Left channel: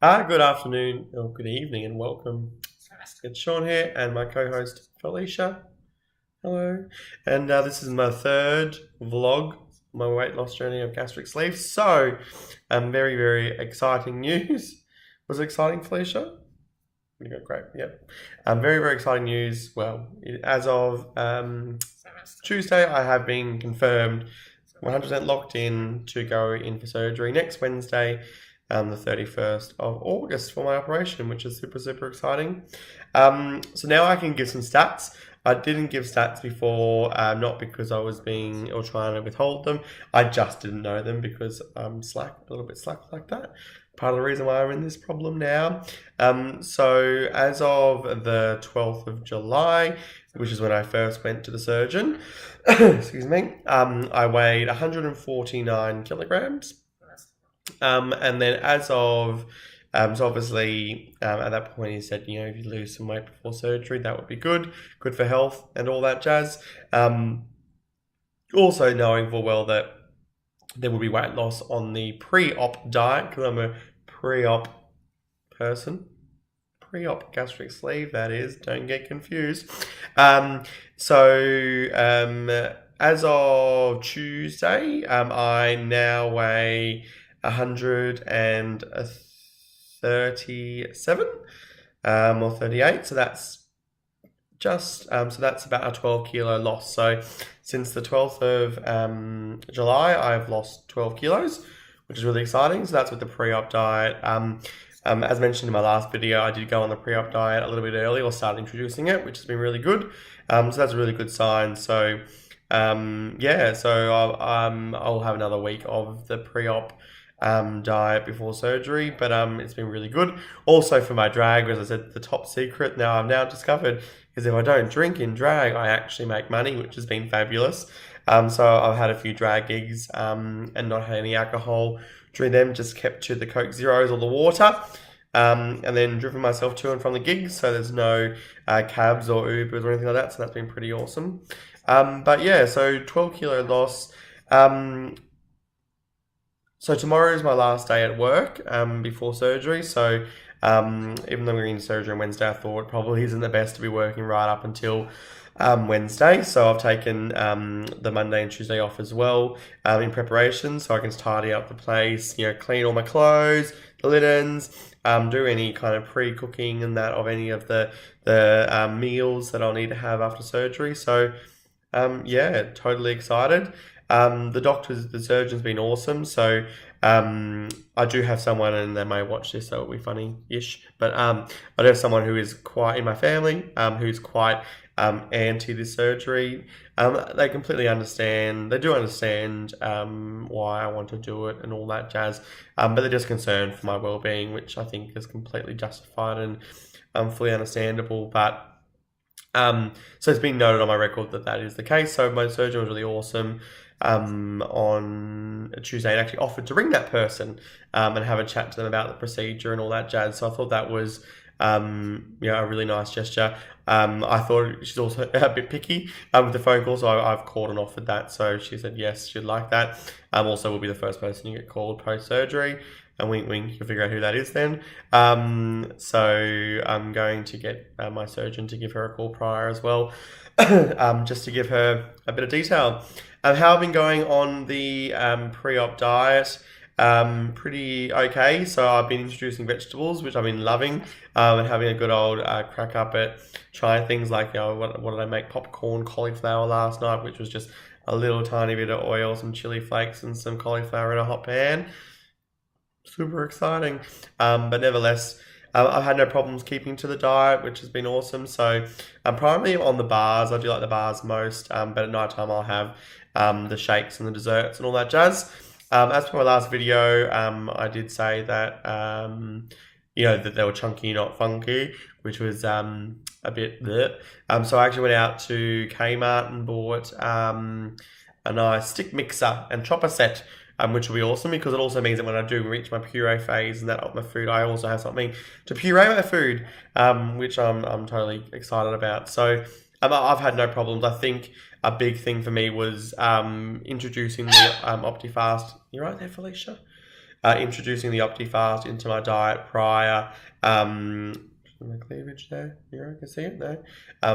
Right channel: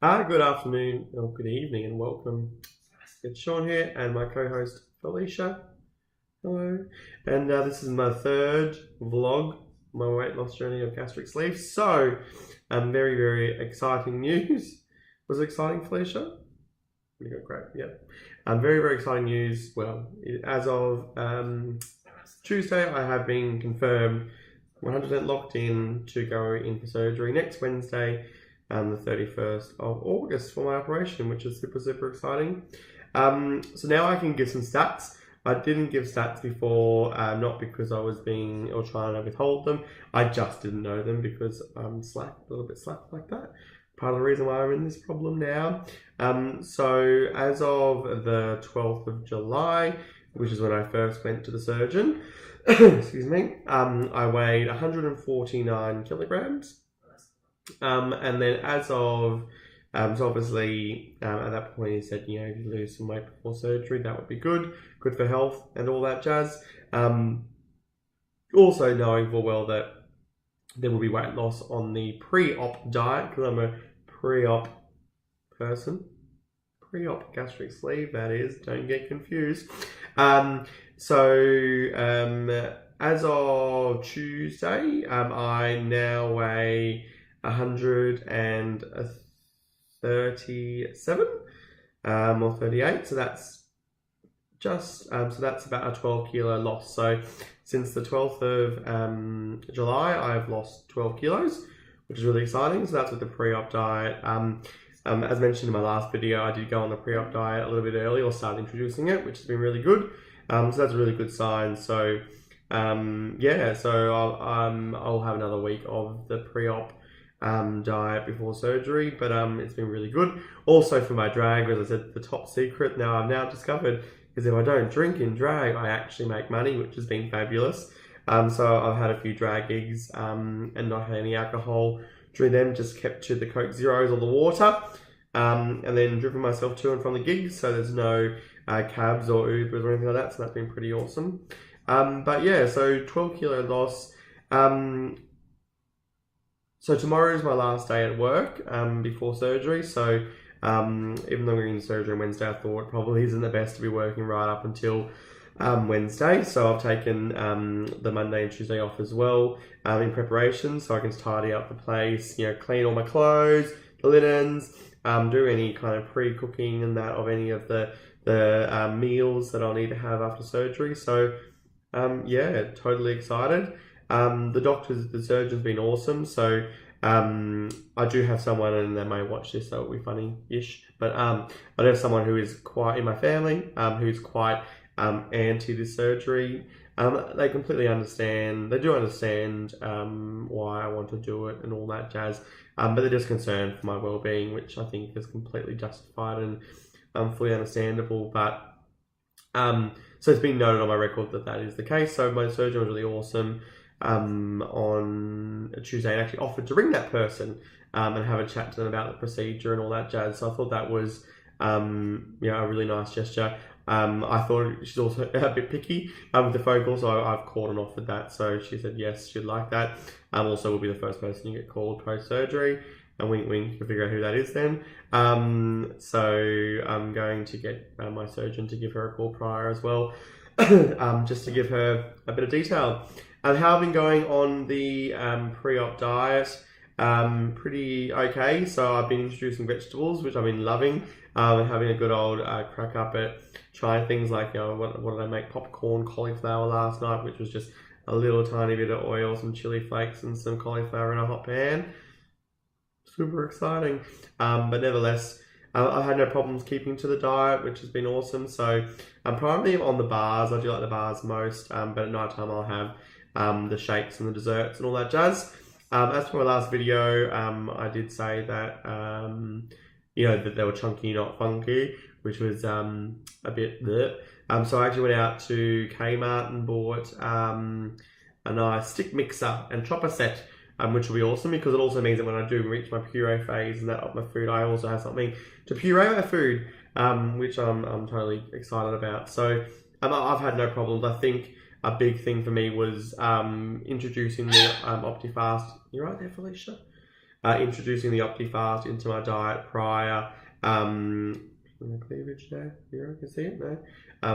Good afternoon or good evening and welcome. It's Sean here and my co-host Felicia. Hello. And this is my third vlog, my weight loss journey of gastric sleeve. So, very, very exciting news. Was it exciting, Felicia? You go, great, yeah. Very, very exciting news. Well, as of Tuesday, I have been confirmed 100% locked in to go in for surgery next Wednesday, the 31st of August for my operation, which is super, super exciting. So now I can give some stats. I didn't give stats before, not because I was being or trying to withhold them. I just didn't know them because I'm a little bit slack like that. Part of the reason why I'm in this problem now. So as of the 12th of July, which is when I first went to the surgeon, excuse me, I weighed 149 kilograms. And then as of, so obviously at that point he said, if you lose some weight before surgery, that would be good for health and all that jazz. Also knowing full well that there will be weight loss on the pre-op diet, because I'm a pre-op person. Pre-op gastric sleeve, that is, don't get confused. As of Tuesday, I now weigh 137 or 38, so that's about a 12 kilo loss. So since the 12th of July, I've lost 12 kilos, which is really exciting. So that's with the pre-op diet. As mentioned in my last video, I did go on the pre-op diet a little bit early, or started introducing it, which has been really good. So that's a really good sign. So I'll have another week of the pre-op diet before surgery, but it's been really good. Also for my drag, as I said, the top secret now I've discovered is if I don't drink in drag, I actually make money, which has been fabulous. So I've had a few drag gigs and not had any alcohol during them, just kept to the Coke Zeros or the water, and then driven myself to and from the gigs, so there's no cabs or Ubers or anything like that, so that's been pretty awesome. But yeah, so 12 kilo loss. So tomorrow is my last day at work before surgery. So even though I'm going to surgery on Wednesday, I thought it probably isn't the best to be working right up until Wednesday. So I've taken the Monday and Tuesday off as well in preparation, so I can tidy up the place, clean all my clothes, the linens, do any kind of pre-cooking and that of any of the meals that I'll need to have after surgery. So yeah, totally excited. The surgeon's been awesome. So I do have someone, and they may watch this, so it'll be funny-ish. But I do have someone who is quite in my family, who's quite anti this surgery. They completely understand. They do understand why I want to do it and all that jazz. But they're just concerned for my well-being, which I think is completely justified and fully understandable. But so it's been noted on my record that is the case. So my surgeon was really awesome on a Tuesday, and actually offered to ring that person and have a chat to them about the procedure and all that jazz. So I thought that was a really nice gesture. I thought she's also a bit picky with the phone call, so I've called and offered that. So she said yes, she'd like that. Also, will be the first person to get called post-surgery. And wink, wink, you'll figure out who that is then. So I'm going to get my surgeon to give her a call prior as well, just to give her a bit of detail. How I've been going on the pre-op diet, pretty okay. So I've been introducing vegetables, which I've been loving, and having a good old crack up at trying things like, what did I make? Popcorn cauliflower last night, which was just a little tiny bit of oil, some chili flakes, and some cauliflower in a hot pan. Super exciting. But nevertheless, I've had no problems keeping to the diet, which has been awesome. So I'm primarily on the bars. I do like the bars most, but at night time I'll have the shakes and the desserts and all that jazz. As for my last video, I did say that that they were chunky, not funky, which was a bit bleh. So I actually went out to Kmart and bought a nice stick mixer and chopper set, which will be awesome, because it also means that when I do reach my puree phase and that of my food, I also have something to puree my food, which I'm totally excited about. So I've had no problems. I think a big thing for me was introducing the OptiFast. You right there, Felicia? introducing the OptiFast into my diet prior. My cleavage there, you can see it there.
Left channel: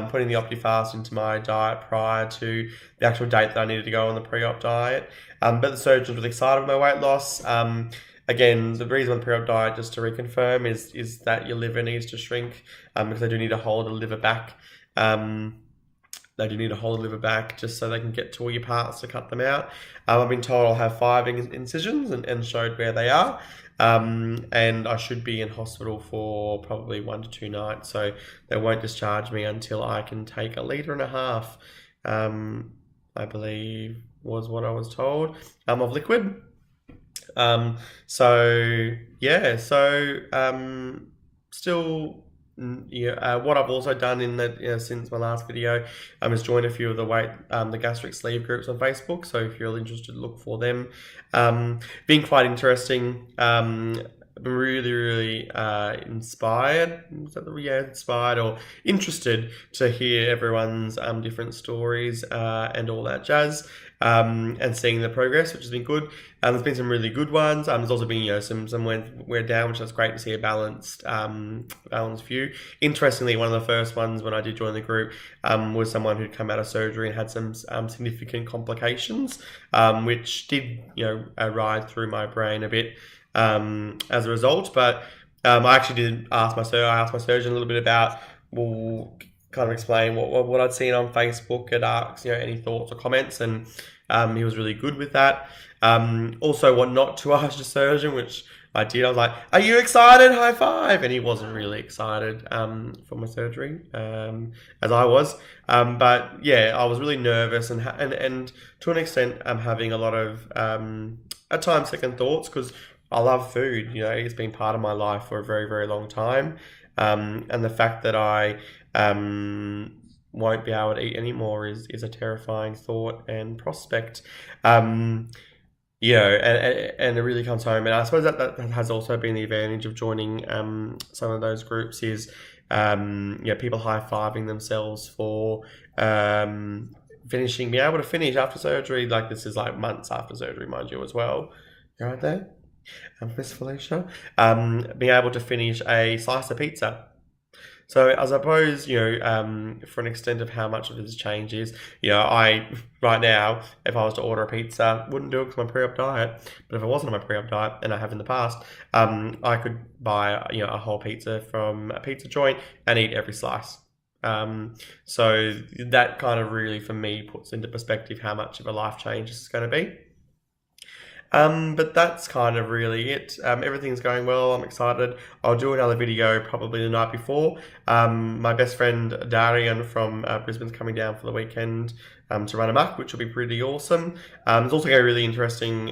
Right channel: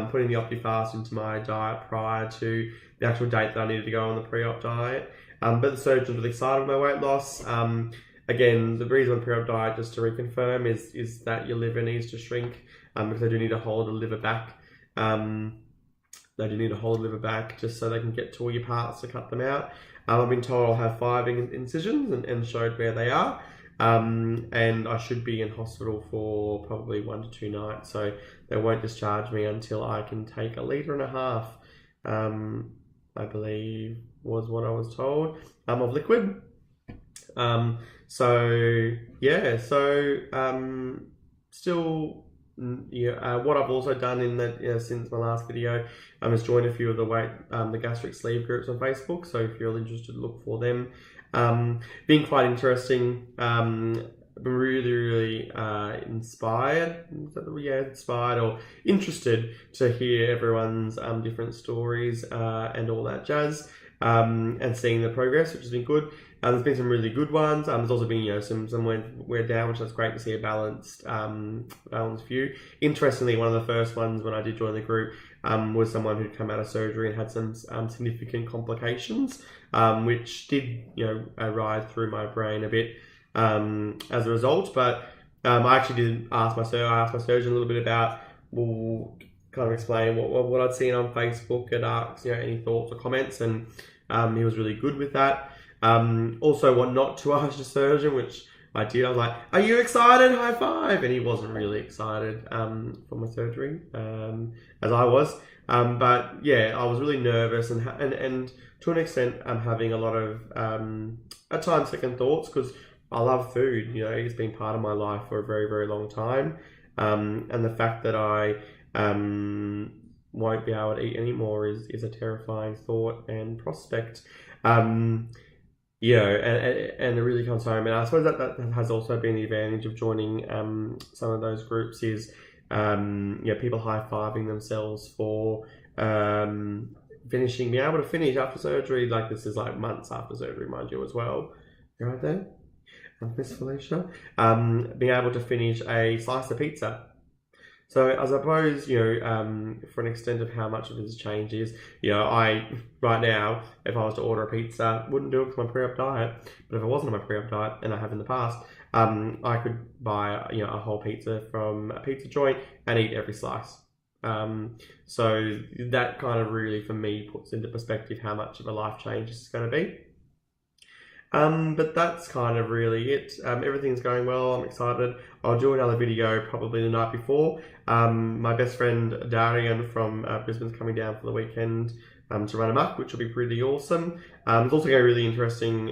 Putting the OptiFast into my diet prior to the actual date that I needed to go on the pre-op diet. But the surgeon was excited with my weight loss. Again, the reason on the pre-op diet, just to reconfirm, is that your liver needs to shrink because they do need to hold the liver back. They do need to hold the liver back just so they can get to all your parts to cut them out. I've been told I'll have 5 incisions and showed where they are. And I should be in hospital for probably 1 to 2 nights, so they won't discharge me until I can take 1.5 liters, I believe was what I was told, of liquid. Still, what I've also done in that since my last video is joined a few of the gastric sleeve groups on Facebook. So if you're interested, look for them. Been quite interesting. Really inspired. Inspired or interested to hear everyone's different stories and all that jazz. And seeing the progress, which has been good. There's been some really good ones. There's also been some went down, which is great to see a balanced view. Interestingly, one of the first ones when I did join the group was someone who'd come out of surgery and had some significant complications, which did ride through my brain a bit as a result. But I actually did ask my surgeon a little bit about, kind of explain what I'd seen on Facebook and ask any thoughts or comments, and he was really good with that. Also, what not to ask the surgeon, which I did. I was like, "Are you excited? High five!" And he wasn't really excited for my surgery, as I was. But yeah, I was really nervous and to an extent, I'm having a lot of at times second thoughts, because I love food. It's been part of my life for a very, very long time, and the fact that I won't be able to eat anymore is a terrifying thought and prospect. And it really comes home. And I suppose that has also been the advantage of joining some of those groups is people high-fiving themselves for being able to finish after surgery. Like, this is like months after surgery, mind you, as well. You're right there, Miss Felicia. Being able to finish a slice of pizza. So I suppose, for an extent of how much of this change is, I, right now, if I was to order a pizza, wouldn't do it because my pre-op diet. But if I wasn't on my pre-op diet, and I have in the past, I could buy, a whole pizza from a pizza joint and eat every slice. So that kind of really, for me, puts into perspective how much of a life change this is going to be. But that's kind of really it. Everything's going well. I'm excited. I'll do another video probably the night before. My best friend Darian from Brisbane's coming down for the weekend to run amok, which will be pretty awesome. It's also going to be really interesting.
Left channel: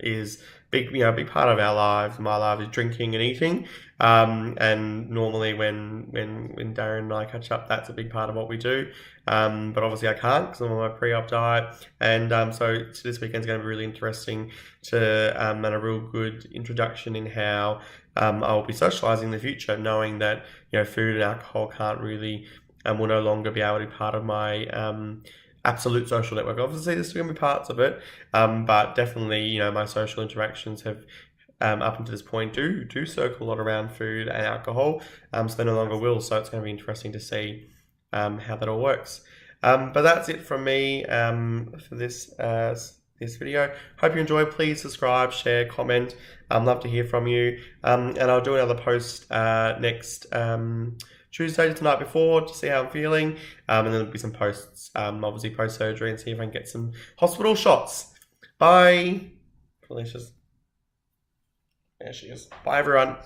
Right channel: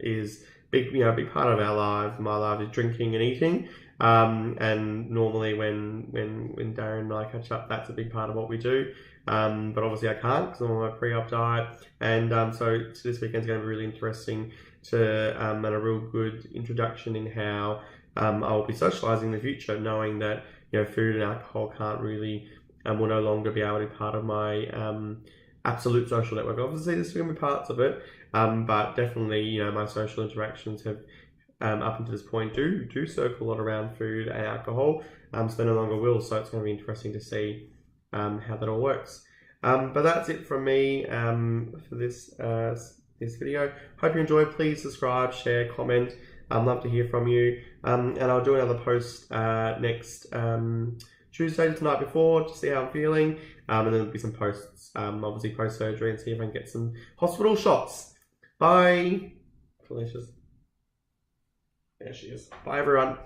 Is big, a big part of our lives, my life, is drinking and eating. And normally when Darren and I catch up, that's a big part of what we do. But obviously I can't because I'm on my pre-op diet. And so this weekend's going to be really interesting and a real good introduction in how I'll be socializing in the future, knowing that food and alcohol can't really will no longer be able to be part of my absolute social network. Obviously there's still going to be parts of it, but definitely my social interactions have up until this point do circle a lot around food and alcohol, so they no longer will. So it's going to be interesting to see how that all works. But that's it from me for this video. Hope you enjoyed. Please subscribe, share, comment. I'd love to hear from you. And I'll do another post next Tuesday, the night before, to see how I'm feeling. And then there'll be some posts, obviously post-surgery, and see if I can get some hospital shots. Bye. Felicia's. There she is. Bye, everyone.